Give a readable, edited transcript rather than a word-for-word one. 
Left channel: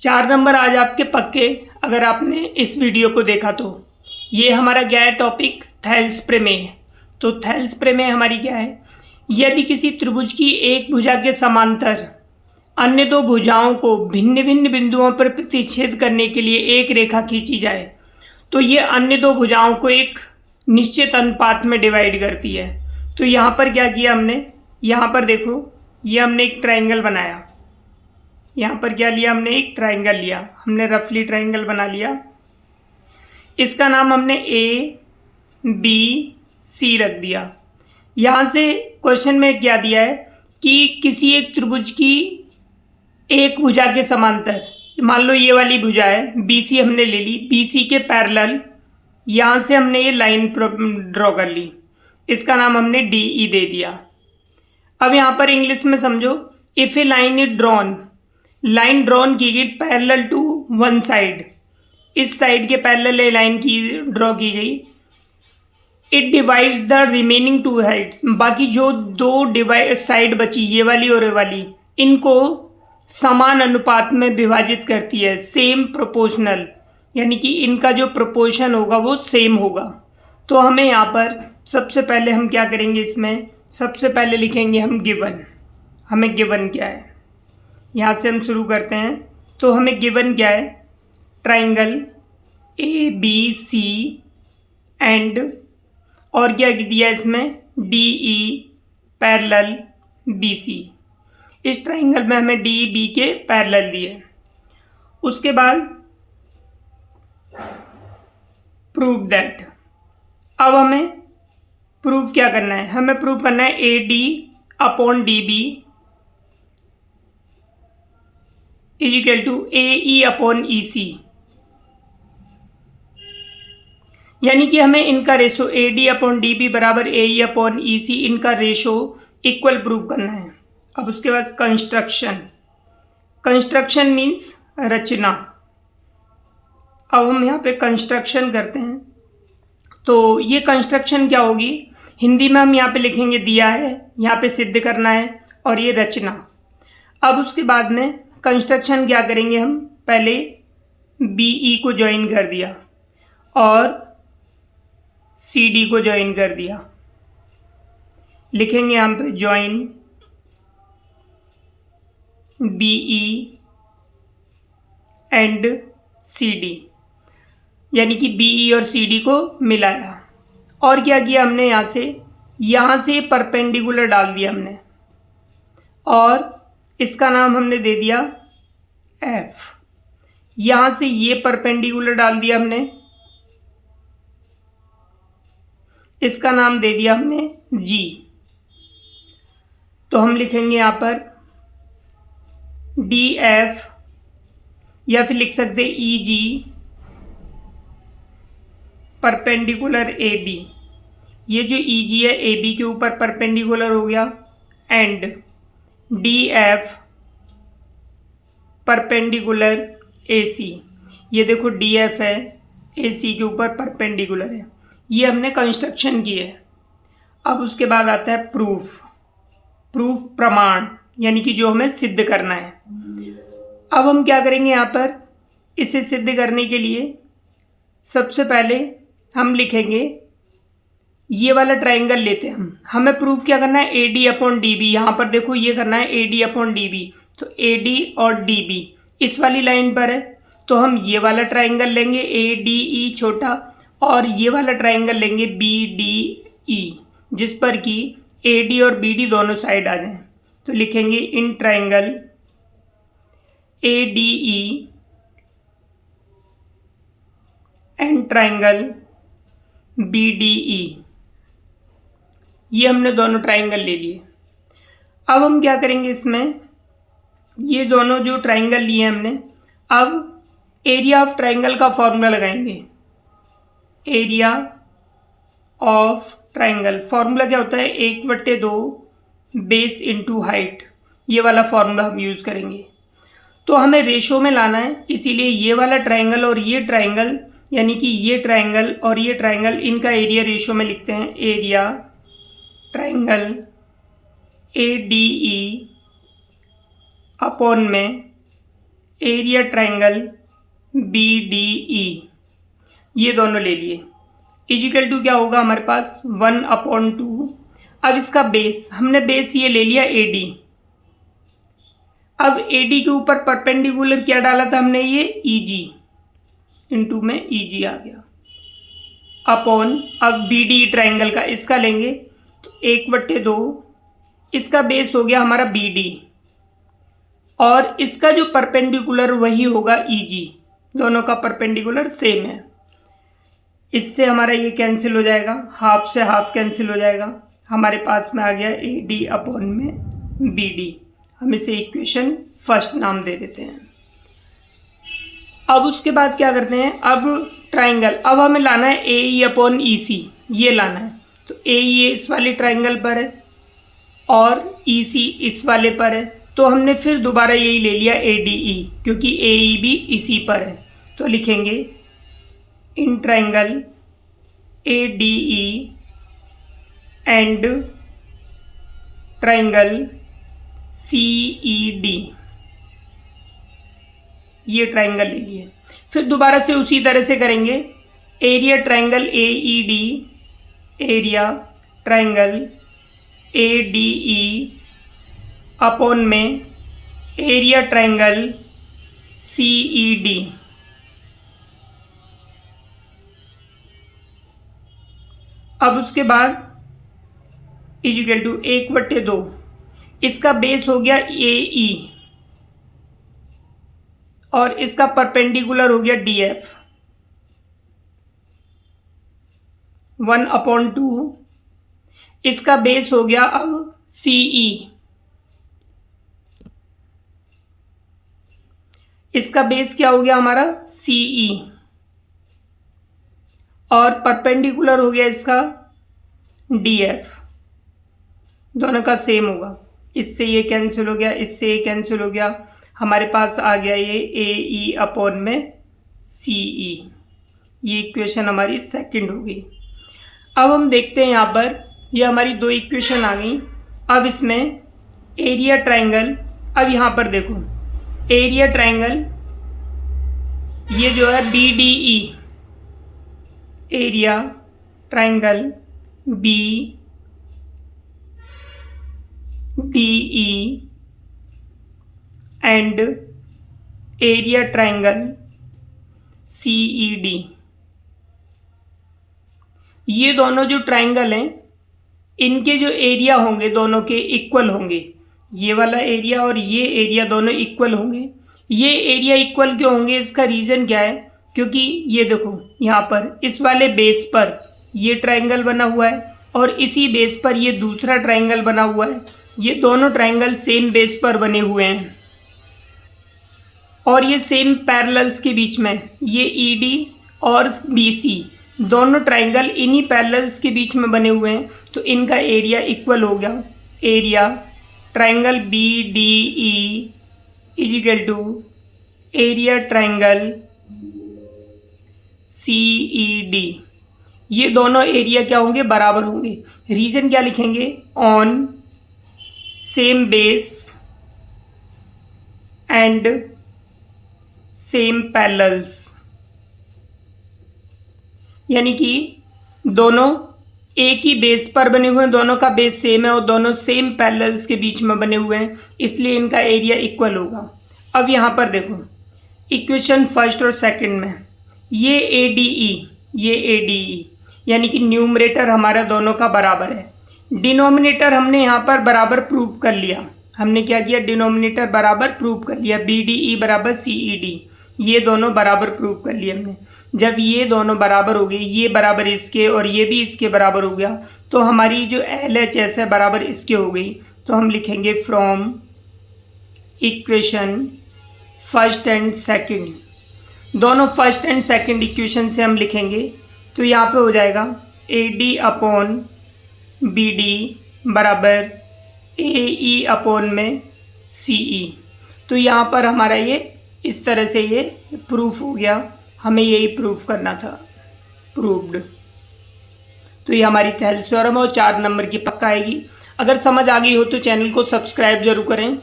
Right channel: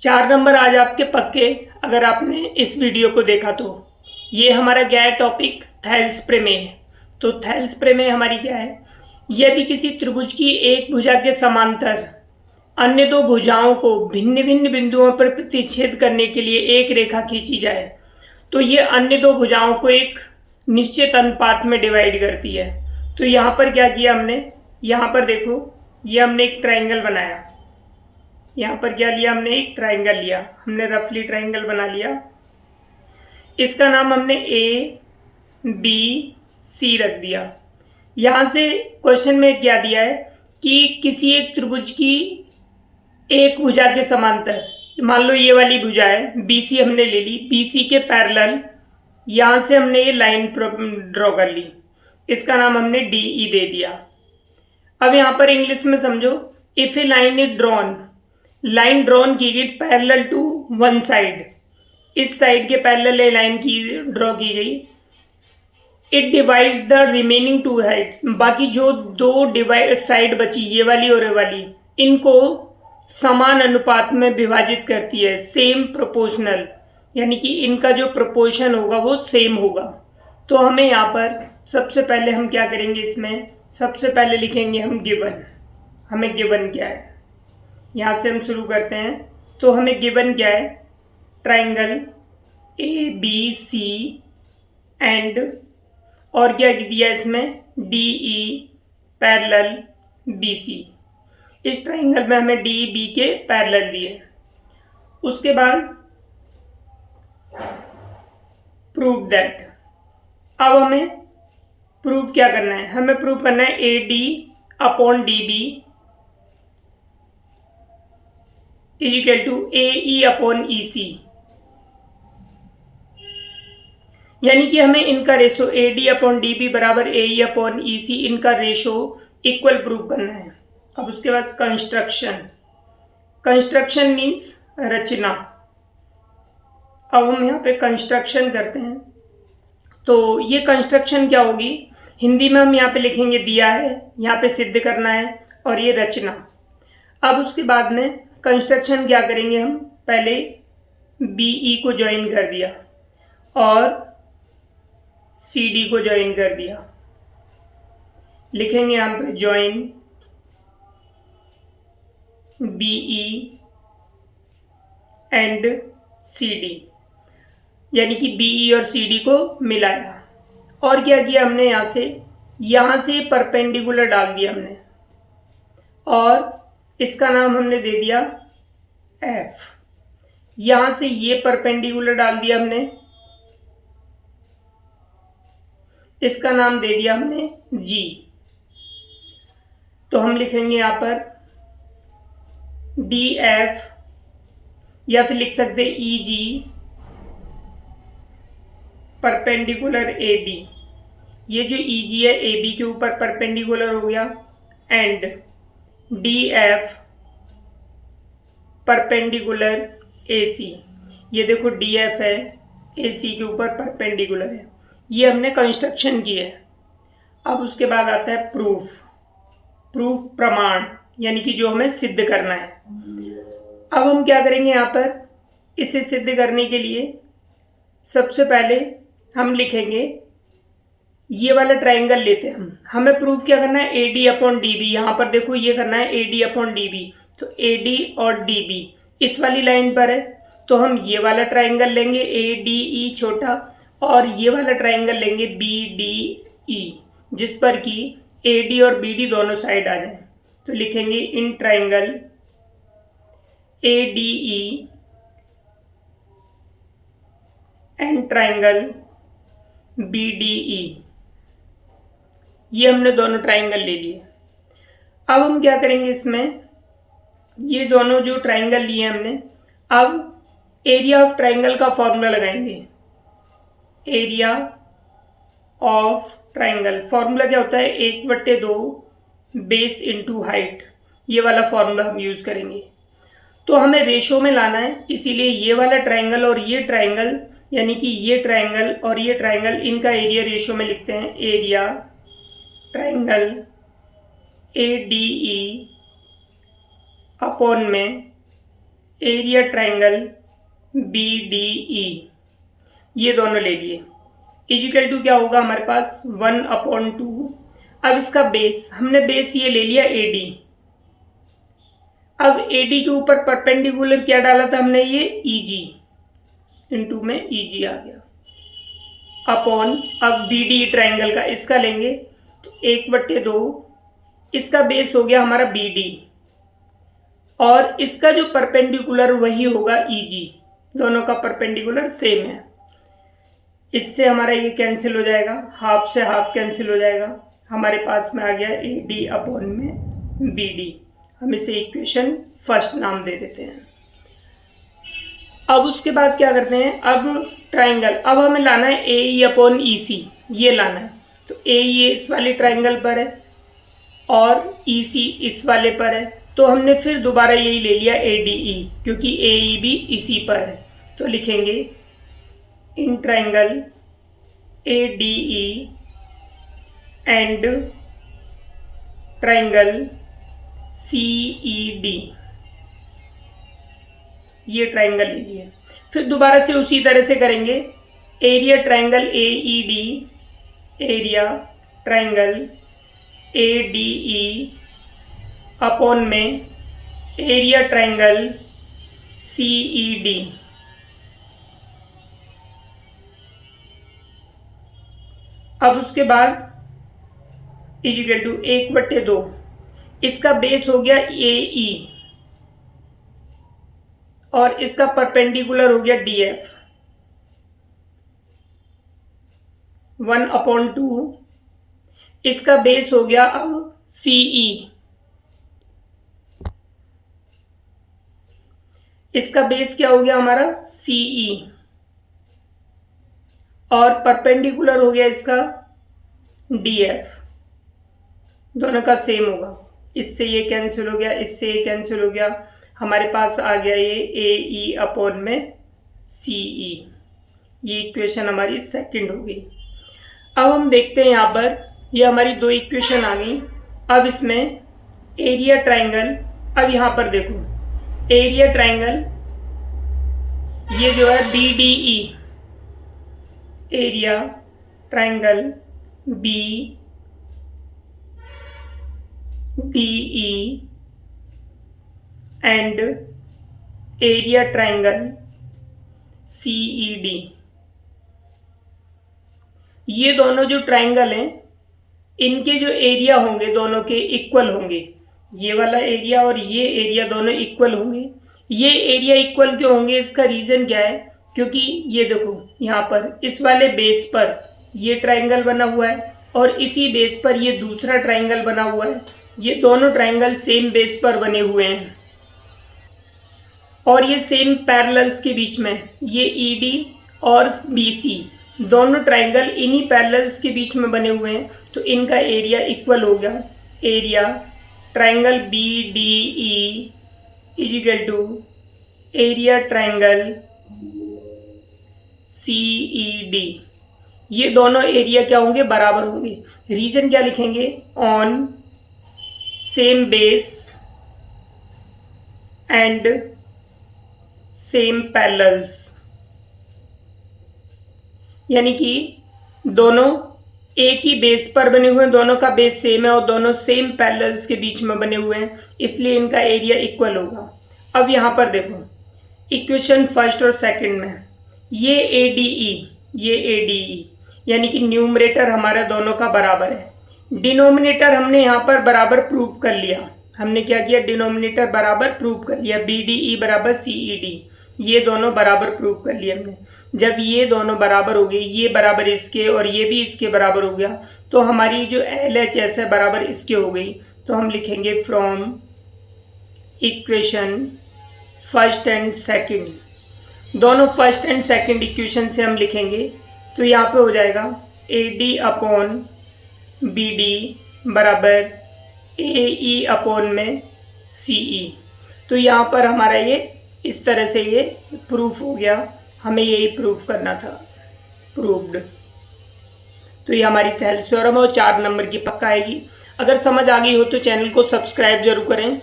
4 number आज आपके पक्के, अगर आपने इस वीडियो को देखा तो। ये हमारा क्या है टॉपिक, थेल्स प्रमेय। तो थेल्स प्रमेय हमारी क्या है, यदि किसी त्रिभुज की एक भुजा के समांतर अन्य दो भुजाओं को भिन्न भिन्न बिंदुओं पर प्रतिच्छेद करने के लिए एक रेखा खींची जाए तो ये अन्य दो भुजाओं को एक निश्चित अनुपात में डिवाइड करती है। तो यहाँ पर क्या किया हमने, यहाँ पर देखो, ये हमने एक ट्राइंगल बनाया। यहाँ पर क्या लिया हमने, एक ट्राइंगल लिया, हमने रफली ट्राइंगल बना लिया। इसका नाम हमने ए बी सी रख दिया। यहाँ से क्वेश्चन में क्या दिया है कि किसी एक त्रिभुज की एक भुजा के समांतर, मान लो ये वाली भुजा है बी सी, हमने ले ली, बी सी के पैरेलल यहाँ से हमने ये लाइन ड्रॉ कर ली, इसका नाम हमने डी ई दे दिया। अब यहाँ पर इंग्लिश में समझो, if A line is drawn, line drawn की गई पैरेलल टू वन साइड, इस साइड के पैरेलल ये लाइन की ड्रॉ की गई। It divides the remaining two sides, बाकी जो दो डिवाइड साइड बची, ये वाली और ये वाली, इनको समान अनुपात में विभाजित करती है, सेम प्रोपोर्शनल, यानी कि इनका जो प्रोपोर्शन होगा वो सेम होगा। तो हमें यहाँ पर सबसे पहले हम क्या करेंगे, इसमें सबसे पहले लिखेंगे हम गिवन। हमें गिवन क्या है, यहाँ से हम शुरू करते हैं। तो हमें गिवन क्या है, triangle A B C and, और क्या दिया इसमें, D E parallel B C. इस ट्राइंगल में हमें डी बी के पैरेलल दिए। उसके बाद प्रूव दैट, अब हमें प्रूव क्या करना है, हमें प्रूव करना है A D upon D B is equal to A E upon E C, यानी कि हमें इनका ratio A D upon D B बराबर ए ई अपॉन ई सी, इनका रेशो इक्वल प्रूव करना है। अब उसके बाद कंस्ट्रक्शन, कंस्ट्रक्शन मीन्स रचना। अब हम यहाँ पे कंस्ट्रक्शन करते हैं। तो ये कंस्ट्रक्शन क्या होगी, हिंदी में हम यहाँ पे लिखेंगे दिया है, यहाँ पे सिद्ध करना है, और ये रचना। अब उसके बाद में कंस्ट्रक्शन क्या करेंगे, हम पहले बी ई को ज्वाइन कर दिया और सी डी को ज्वाइन कर दिया, लिखेंगे यहाँ पे join B E and C D, यानी कि बी ई और सी डी को मिलाया। और क्या किया हमने, यहाँ से परपेंडिकुलर डाल दिया हमने, और इसका नाम हमने दे दिया एफ। यहाँ से ये परपेंडिकुलर डाल दिया हमने, इसका नाम दे दिया हमने जी। तो हम लिखेंगे यहाँ पर डी एफ, या फिर लिख सकते ई जी परपेंडिकुलर ए बी। ये जो ई जी है ए बी के ऊपर परपेंडिकुलर हो गया, and D F perpendicular A C. ये देखो डी एफ है, ए सी के ऊपर परपेंडिकुलर है। ये हमने कंस्ट्रक्शन की है। अब उसके बाद आता है प्रूफ, प्रूफ प्रमाण, यानी कि जो हमें सिद्ध करना है। अब हम क्या करेंगे, यहाँ पर इसे सिद्ध करने के लिए सबसे पहले हम लिखेंगे, ये वाला ट्राइंगल लेते हैं हम, हमें प्रूफ क्या करना है, A D upon D B. यहाँ पर देखो ये करना है A D upon D B, तो ए डी और डी बी इस वाली लाइन पर है, तो हम ये वाला ट्राइंगल लेंगे ए डी ई छोटा, और ये वाला ट्राइंगल लेंगे बी डी ई, जिस पर कि ए डी और बी डी दोनों साइड आ जाए। तो लिखेंगे in triangle A D E and triangle B D E, ये हमने दोनों ट्राइंगल ले लिए। अब हम क्या करेंगे, इसमें ये दोनों जो ट्राइंगल लिए हमने, अब एरिया ऑफ ट्राइंगल का फॉर्मूला लगाएंगे। एरिया ऑफ ट्राइंगल फॉर्मूला क्या होता है, 1/2 बेस इंटू हाइट, ये वाला फॉर्मूला हम यूज़ करेंगे। तो हमें रेशो में लाना है, इसीलिए ये वाला ट्राइंगल और ये ट्राइंगल, यानी कि ये ट्राइंगल और ये ट्राइंगल, इनका एरिया रेशो में लिखते हैं। Area triangle A D E upon में एरिया ट्रायंगल BDE, ये दोनों ले लिए, इक्वल टू क्या होगा हमारे पास 1/2। अब इसका बेस, हमने बेस ये ले लिया AD। अब AD के ऊपर परपेंडिकुलर क्या डाला था हमने, ये EG, इनटू में EG आ गया अपॉन, अब BD ट्रायंगल का इसका लेंगे तो 1/2, इसका बेस हो गया हमारा BD और इसका जो परपेंडिकुलर वही होगा EG, दोनों का परपेंडिकुलर सेम है। इससे हमारा ये कैंसिल हो जाएगा, हाफ से हाफ कैंसिल हो जाएगा, हमारे पास में आ गया AD अपॉन में BD। हम इसे इक्वेशन फर्स्ट नाम दे देते हैं। अब उसके बाद क्या करते हैं, अब ट्रायंगल, अब हमें लाना है AE अपॉन EC, ये लाना है। तो AE इस वाले ट्रायंगल पर है और EC इस वाले पर है, तो हमने फिर दोबारा यही ले लिया ADE, क्योंकि AE भी इसी पर है। तो लिखेंगे in triangle ADE and triangle CED, ये ट्रायंगल ले लिए। फिर दोबारा से उसी तरह से करेंगे, area triangle AED, area triangle ADE upon में एरिया ट्रायंगल CED। अब उसके बाद इक्वल टू 1/2, इसका बेस हो गया AE और इसका परपेंडिकुलर हो गया DF, 1/2, इसका बेस हो गया अब CE, इसका बेस क्या हो गया हमारा CE और परपेंडिकुलर हो गया इसका DF, दोनों का सेम होगा। इससे ये कैंसिल हो गया, इससे ये कैंसिल हो गया, हमारे पास आ गया ये AE अपॉन में CE। ये इक्वेशन हमारी सेकंड हो गई। अब हम देखते हैं यहाँ पर, ये हमारी दो इक्वेशन आ गई। अब इसमें एरिया ट्रायंगल, अब यहाँ पर देखो एरिया ट्रायंगल, ये जो है BDE, area triangle BDE and area triangle CED, ये दोनों जो ट्रायंगल हैं इनके जो एरिया होंगे दोनों के इक्वल होंगे। ये वाला एरिया और ये एरिया दोनों इक्वल होंगे। ये एरिया इक्वल क्यों होंगे, इसका रीज़न क्या है, क्योंकि ये देखो यहाँ पर इस वाले बेस पर ये ट्रायंगल बना हुआ है और इसी बेस पर ये दूसरा ट्रायंगल बना हुआ है। ये दोनों ट्रायंगल सेम बेस पर बने हुए हैं और ये सेम पैरेलल्स के बीच में, ये ED और BC दोनों ट्रायंगल इन्हीं पैरेलल्स के बीच में बने हुए हैं, तो इनका एरिया इक्वल हो गया। Area triangle BDE equal to area triangle CED। ये दोनों एरिया क्या होंगे, बराबर होंगे। रीजन क्या लिखेंगे, on same base and same parallels, यानी कि दोनों एक ही बेस पर बने हुए हैं, दोनों का बेस सेम है और दोनों सेम पैरेलल्स के बीच में बने हुए हैं, इसलिए इनका एरिया इक्वल होगा। अब यहाँ पर देखो इक्वेशन फर्स्ट और सेकंड में ये ADE, ये ADE, यानी कि न्यूमरेटर हमारा दोनों का बराबर है। डिनोमिनेटर हमने यहाँ पर बराबर प्रूव कर लिया। हमने क्या किया, डिनोमिनेटर बराबर प्रूव कर लिया, BDE बराबर CED, ये दोनों बराबर प्रूव कर लिए हमने। जब ये दोनों बराबर हो गए, ये बराबर इसके और ये भी इसके बराबर हो गया, तो हमारी जो LHS है बराबर इसके हो गई। तो हम लिखेंगे from equation first and second, दोनों फर्स्ट एंड सेकंड इक्वेशन से हम लिखेंगे। तो यहाँ पे हो जाएगा AD अपॉन BD बराबर AE अपॉन में CE। तो यहाँ पर हमारा ये इस तरह से ये प्रूफ हो गया, हमें यही प्रूफ करना था, प्रूव्ड। तो ये हमारी थेल्स थ्योरम है और 4 नंबर की पक्का आएगी। अगर समझ आ गई हो तो चैनल को सब्सक्राइब जरूर करें।